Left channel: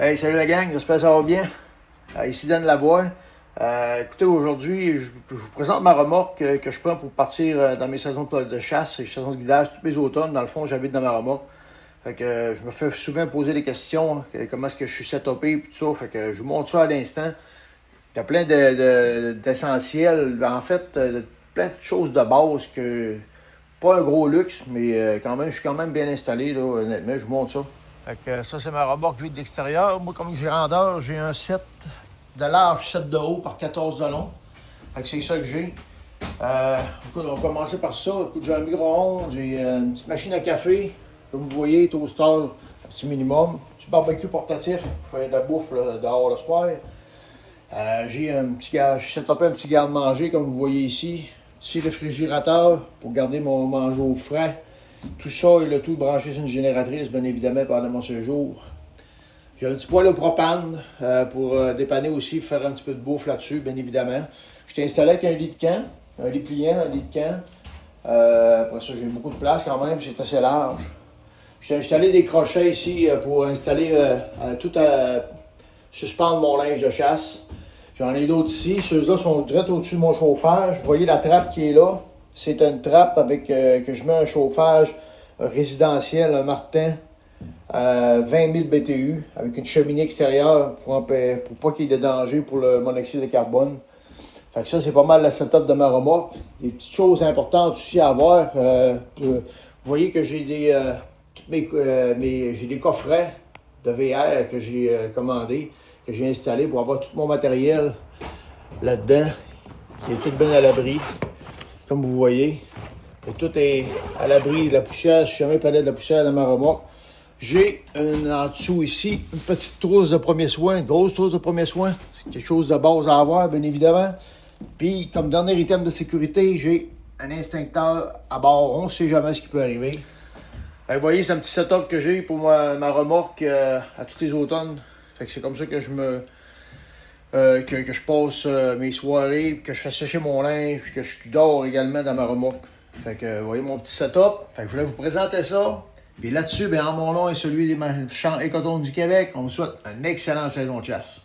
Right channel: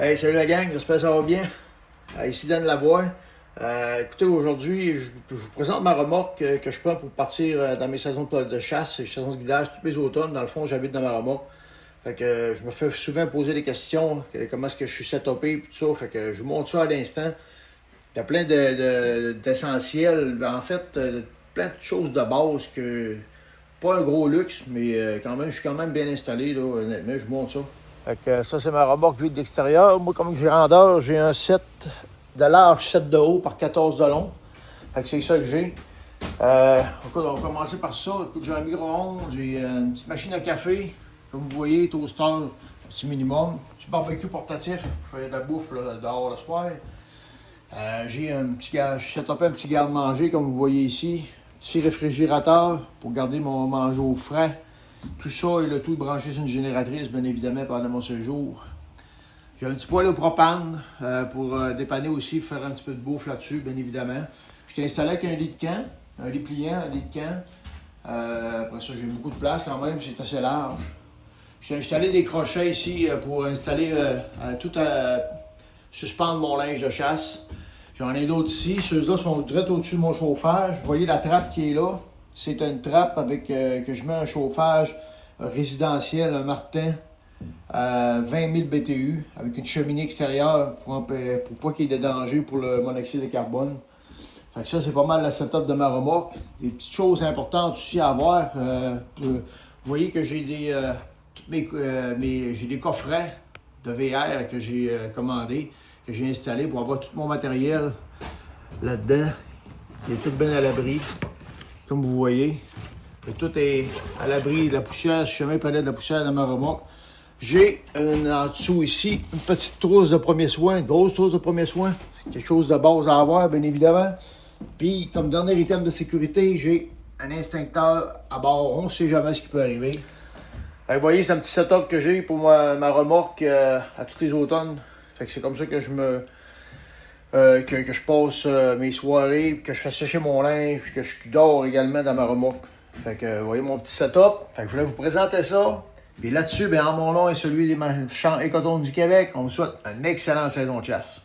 Hey, salut la gang, j'espère que ça va bien. Ici Dan Lavoie. Écoutez, aujourd'hui, je vous présente ma remorque que je prends pour partir dans mes saisons de chasse et saisons de guidage tous les automnes. Dans le fond, j'habite dans ma remorque. Fait que je me fais souvent poser des questions, comment est-ce que je suis setupé et tout ça. Fait que je vous montre ça à l'instant. Il y a plein d'essentiels, en fait, plein de choses de base que pas un gros luxe, mais quand même, je suis quand même bien installé, là, honnêtement, je vous montre ça. Fait que ça, c'est ma remorque vue de l'extérieur. Moi, comme grandeur, j'ai un 7 de large, 7 de haut par 14 de long. Fait que c'est ça que j'ai. Écoute, on va commencer par ça. Écoute, j'ai un micro-ondes, j'ai une petite machine à café. Comme vous voyez, toaster, un petit minimum. Petit barbecue portatif pour faire de la bouffe là, dehors le soir. J'ai un petit setupé un petit garde-manger, comme vous voyez ici. Petit réfrigérateur pour garder mon manger au frais. Tout ça et le tout branché sur une génératrice, bien évidemment, pendant mon séjour. J'ai un petit poêle au propane pour dépanner aussi, faire un petit peu de bouffe là-dessus, bien évidemment. Je t'ai installé avec un lit de camp, un lit pliant, un lit de camp. Après ça, j'ai beaucoup de place quand même, c'est assez large. J'ai installé des crochets ici pour installer suspendre mon linge de chasse. J'en ai d'autres ici. Ceux-là sont direct au-dessus de mon chauffage. Vous voyez la trappe qui est là. C'est une trappe avec que je mets un chauffage résidentiel, un Martin, à 20 000 BTU, avec une cheminée extérieure pour pas qu'il y ait de danger pour le monoxyde de carbone. Fait que ça, c'est pas mal le setup de ma remorque. Des petites choses importantes aussi à avoir. Vous voyez que j'ai j'ai des coffrets de VR que j'ai commandés, que j'ai installés pour avoir tout mon matériel là-dedans, qui est tout bien à l'abri, comme vous voyez. Et tout est à l'abri de la poussière, si jamais il parlait de la poussière dans ma remorque. J'ai en dessous ici une petite trousse de premier soin, une grosse trousse de premier soin. C'est quelque chose de base à avoir, bien évidemment. Puis, comme dernier item de sécurité, j'ai un instincteur à bord. On ne sait jamais ce qui peut arriver. Vous voyez, c'est un petit setup que j'ai pour ma remorque à tous les automnes. Fait que c'est comme ça que je passe mes soirées, que je fais sécher mon linge, puis que je dors également dans ma remorque. Fait que vous voyez mon petit setup. Fait que je voulais vous présenter ça. Puis là-dessus, en mon nom et celui des champs Écotones du Québec, on vous souhaite une excellente saison de chasse.